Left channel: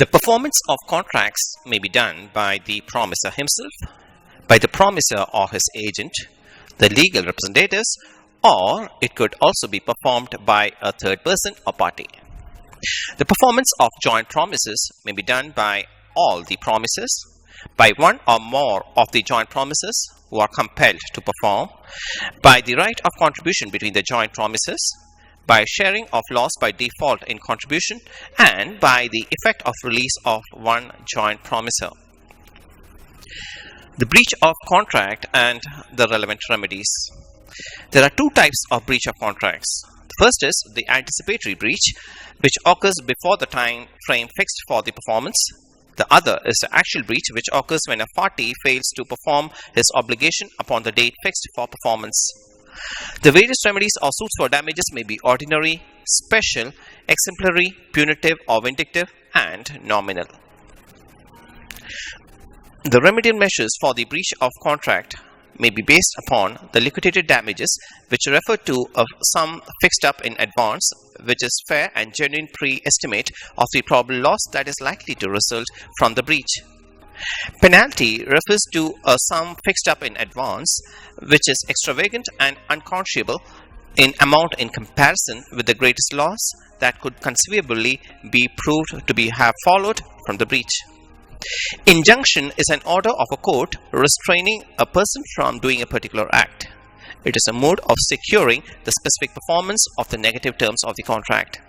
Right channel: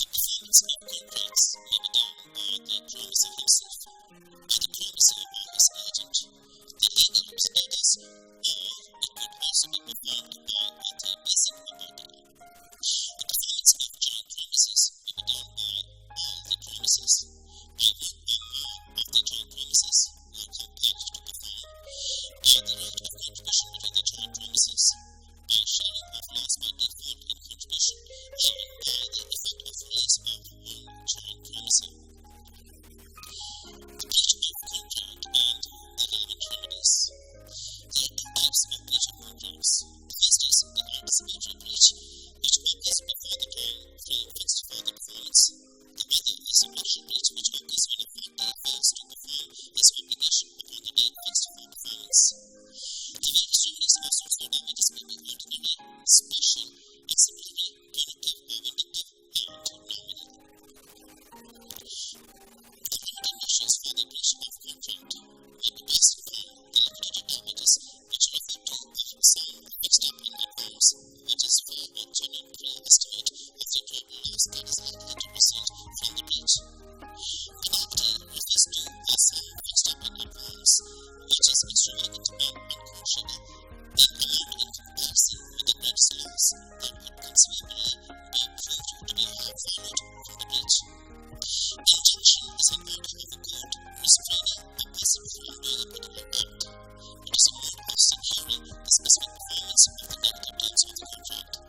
The performance of contracts may be done by the promisor himself, by the promisor or his agent, the legal representatives, or it could also be performed by a third person or party. The performance of joint promises may be done by all the promisors, by one or more of the joint promisors who are compelled to perform, by the right of contribution between the joint promisors, by sharing of loss by default in contribution, and by the effect of release of one joint promisor. The breach of contract and the relevant remedies. There are two types of breach of contracts. The first is the anticipatory breach, which occurs before the time frame fixed for the performance. The other is the actual breach, which occurs when a party fails to perform his obligation upon the date fixed for performance. The various remedies or suits for damages may be ordinary, special, exemplary, punitive or vindictive, and nominal. The remedial measures for the breach of contract may be based upon the liquidated damages, which refer to a sum fixed up in advance, which is fair and genuine pre-estimate of the probable loss that is likely to result from the breach. Penalty refers to a sum fixed up in advance, which is extravagant and unconscionable in amount in comparison with the greatest loss that could conceivably be proved to have followed from the breach. Injunction is an order of a court restraining a person from doing a particular act. It is a mode of securing the specific performance of the negative terms of the contract.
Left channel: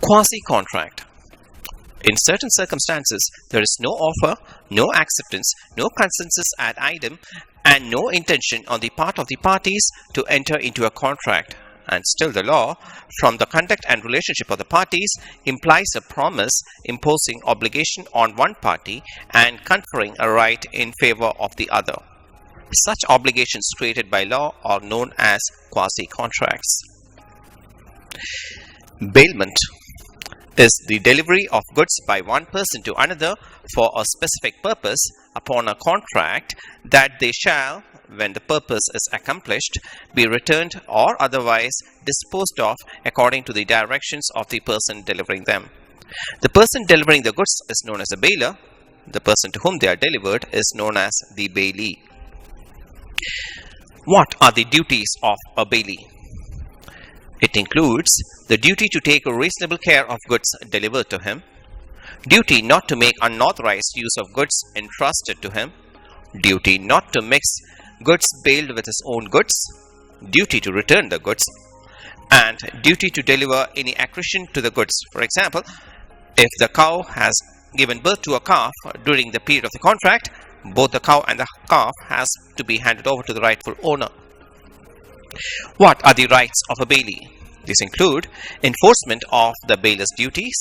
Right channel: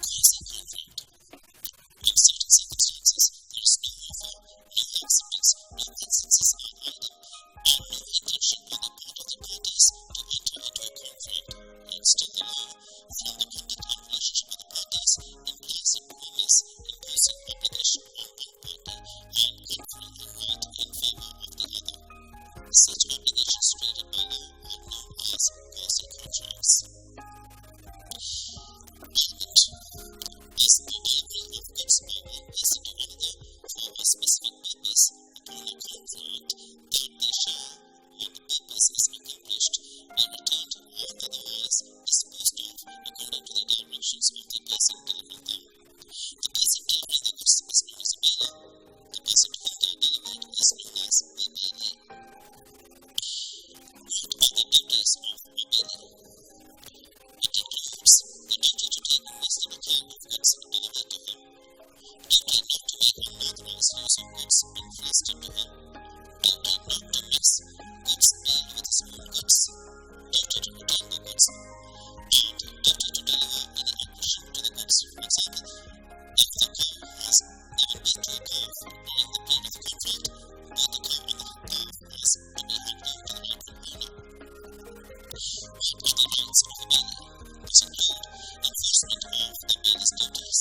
Quasi-contract. In certain circumstances, there is no offer, no acceptance, no consensus ad idem, and no intention on the part of the parties to enter into a contract. And still the law, from the conduct and relationship of the parties, implies a promise imposing obligation on one party and conferring a right in favor of the other. Such obligations created by law are known as quasi-contracts. Bailment is the delivery of goods by one person to another for a specific purpose upon a contract that they shall, when the purpose is accomplished, be returned or otherwise disposed of according to the directions of the person delivering them. The person delivering the goods is known as a bailor. The person to whom they are delivered is known as the bailee. What are the duties of a bailee? It includes the duty to take a reasonable care of goods delivered to him, duty not to make unauthorized use of goods entrusted to him, duty not to mix goods bailed with his own goods, duty to return the goods, and duty to deliver any accretion to the goods. For example, if the cow has given birth to a calf during the period of the contract, both the cow and the calf has to be handed over to the rightful owner. What are the rights of a bailee? These include enforcement of the bailor's duties,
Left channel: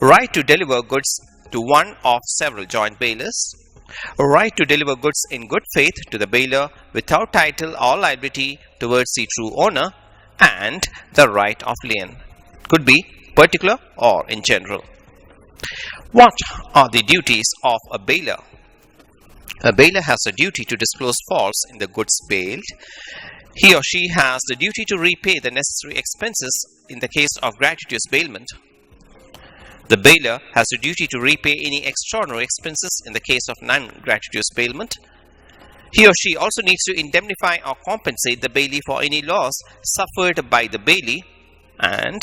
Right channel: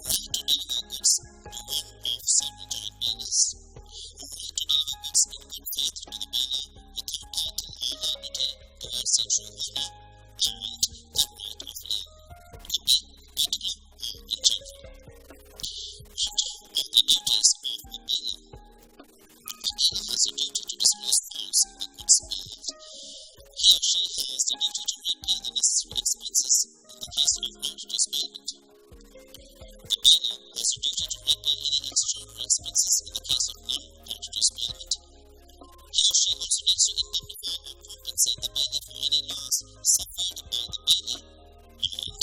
right to deliver goods to one of several joint bailors, right to deliver goods in good faith to the bailor without title or liability towards the true owner, and the right of lien. Could be particular or in general. What are the duties of a bailor? A bailor has a duty to disclose faults in the goods bailed. He or she has the duty to repay the necessary expenses in the case of gratuitous bailment. The bailor has a duty to repay any extraordinary expenses in the case of non-gratuitous bailment. He or she also needs to indemnify or compensate the bailee for any loss suffered by the bailee, and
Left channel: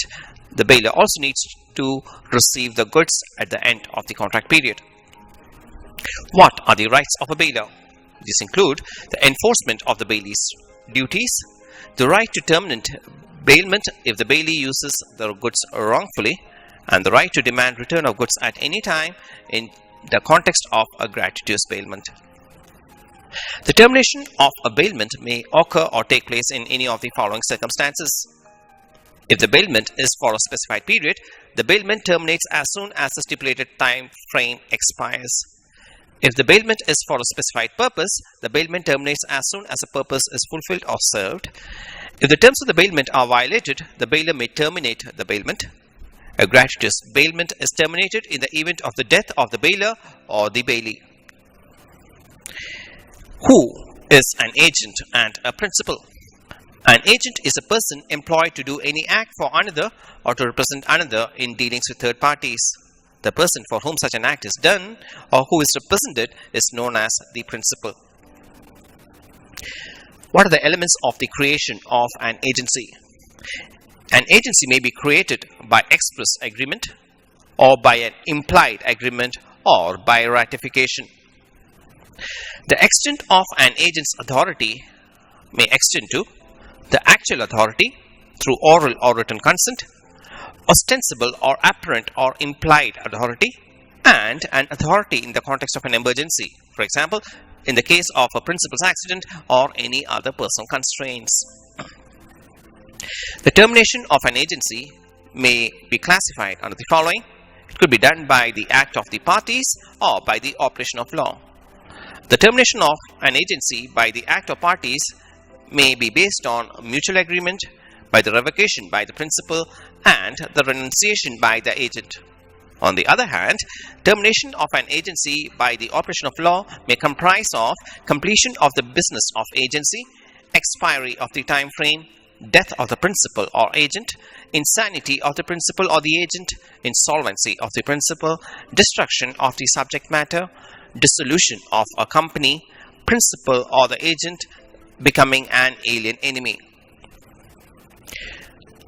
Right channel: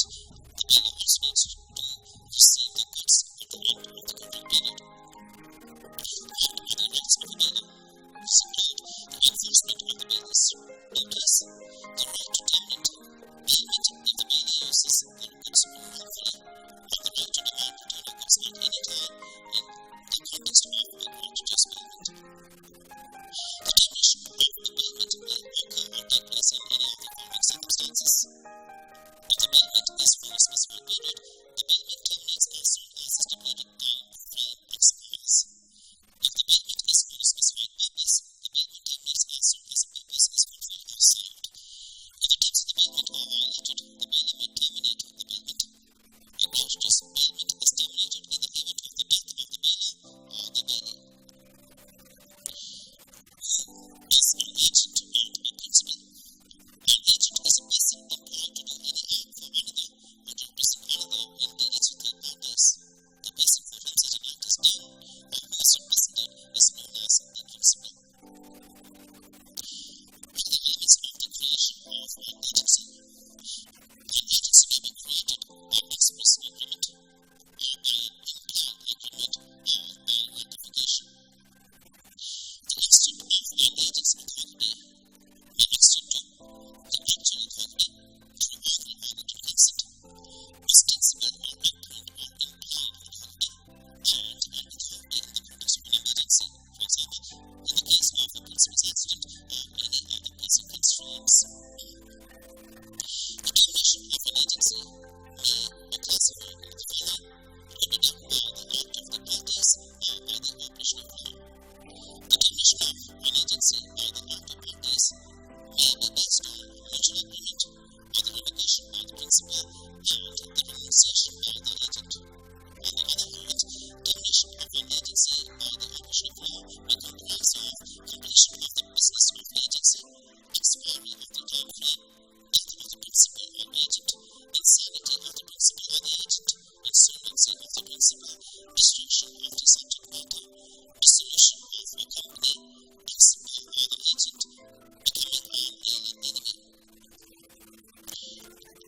the bailor also needs to receive the goods at the end of the contract period. What are the rights of a bailor? These include the enforcement of the bailee's duties, the right to terminate bailment if the bailee uses the goods wrongfully, and the right to demand return of goods at any time in the context of a gratuitous bailment. The termination of a bailment may occur or take place in any of the following circumstances. If the bailment is for a specified period, the bailment terminates as soon as the stipulated time frame expires. If the bailment is for a specified purpose, the bailment terminates as soon as the purpose is fulfilled or served. If the terms of the bailment are violated, the bailor may terminate the bailment. A gratuitous bailment is terminated in the event of the death of the bailor or the bailee. Who is an agent and a principal? An agent is a person employed to do any act for another or to represent another in dealings with third parties. The person for whom such an act is done or who is represented is known as the principal. What are the elements of the creation of an agency? An agency may be created by express agreement or by an implied agreement or by ratification. The extent of an agent's authority may extend to the actual authority through oral or written consent, ostensible or apparent or implied authority, and an authority in the context of an emergency. For example, in the case of a principal's accident or any other personal constraints. The termination of an agency may be classified under the following. It could be done by the act of the parties or by the operation of law. The termination of an agency by the act of parties may be based on mutual agreement, by the revocation by the principal, and the renunciation by the agent. On the other hand, termination of an agency by the operation of law may comprise of completion of the business of agency, expiry of the time frame, death of the principal or agent, insanity of the principal or the agent, insolvency of the principal, destruction of the subject matter, dissolution of a company, principal or the agent becoming an alien enemy.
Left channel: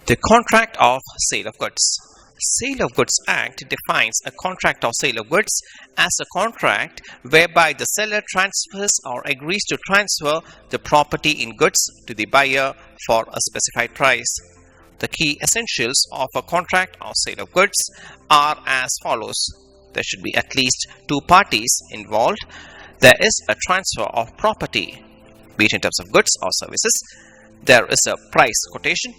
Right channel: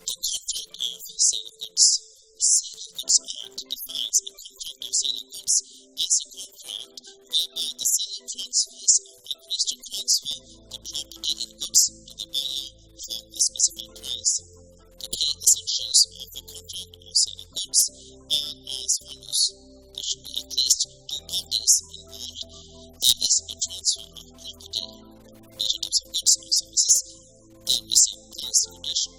The Contract of Sale of Goods. Sale of Goods Act defines a contract of sale of goods as a contract whereby the seller transfers or agrees to transfer the property in goods to the buyer for a specified price. The key essentials of a contract of sale of goods are as follows. There should be at least two parties involved. There is a transfer of property, be it in terms of goods or services. There is a price quotation.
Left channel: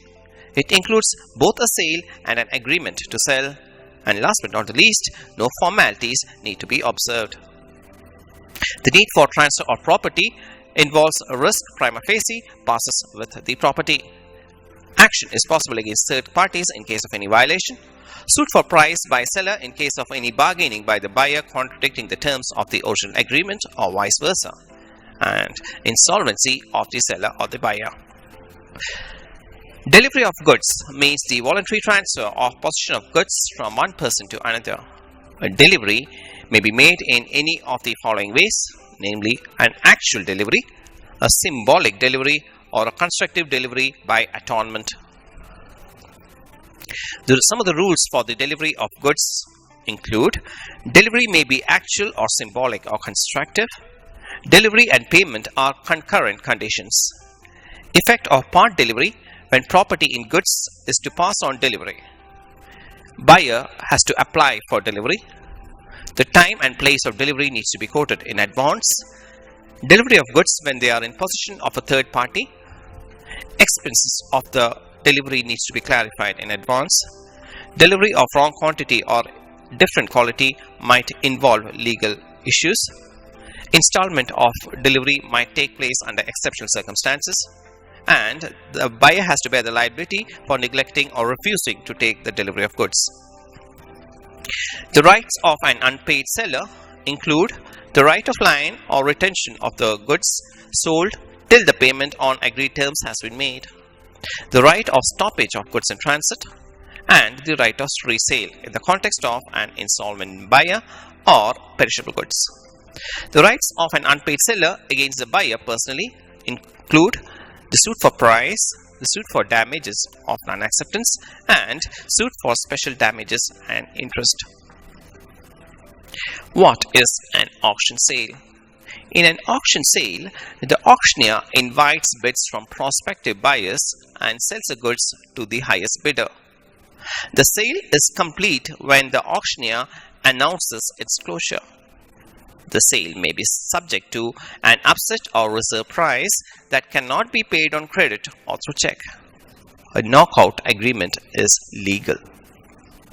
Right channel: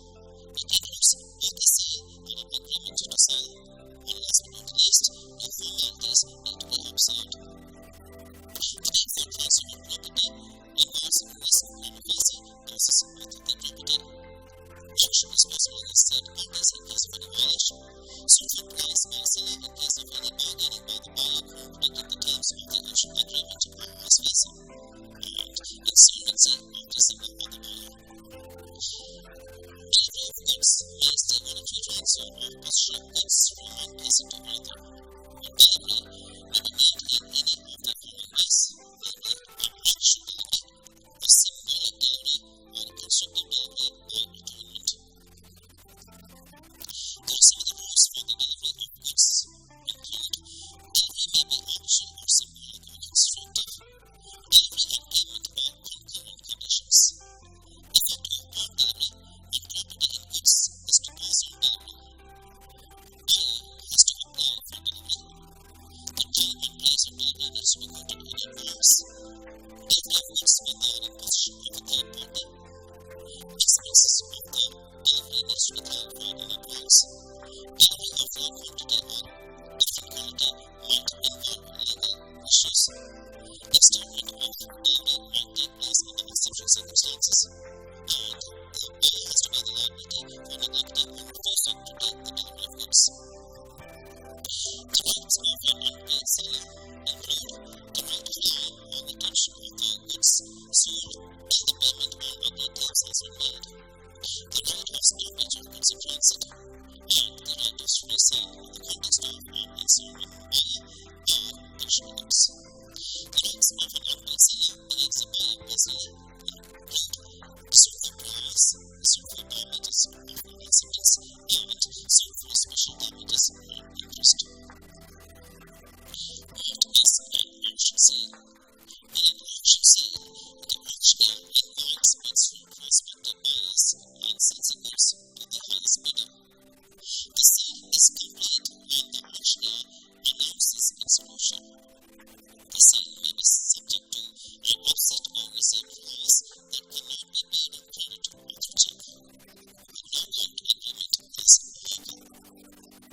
It includes both a sale and an agreement to sell. And last but not the least, no formalities need to be observed. The need for transfer of property involves a risk prima facie passes with the property. Action is possible against third parties in case of any violation. Suit for price by seller in case of any bargaining by the buyer contradicting the terms of the original agreement or vice versa. And insolvency of the seller or the buyer. Delivery of goods means the voluntary transfer of possession of goods from one person to another. A delivery may be made in any of the following ways, namely an actual delivery, a symbolic delivery, or a constructive delivery by attornment. Some of the rules for the delivery of goods include: delivery may be actual or symbolic or constructive. Delivery and payment are concurrent conditions. Effect of part delivery: when property in goods is to pass on delivery. Buyer has to apply for delivery. The time and place of delivery needs to be quoted in advance. Delivery of goods when they are in possession of a third party. Expenses of the delivery needs to be clarified in advance. Delivery of wrong quantity or different quality might involve legal issues. Installment of delivery might take place under exceptional circumstances. And the buyer has to bear the liability for neglecting or refusing to take the delivery of goods. The rights of an unpaid seller include the right of line or retention of the goods sold till the payment on agreed terms has been made, the right of stoppage of goods in transit, and the right of resale in the context of an insolvent buyer or perishable goods. The rights of an unpaid seller against the buyer personally include the suit for price, the suit for damages of non-acceptance, and suit for special damages and interest. What is an auction sale? In an auction sale, the auctioneer invites bids from prospective buyers and sells the goods to the highest bidder. The sale is complete when the auctioneer announces its closure. The sale may be subject to an upset or reserve price that cannot be paid on credit or through check. A knockout agreement is legal.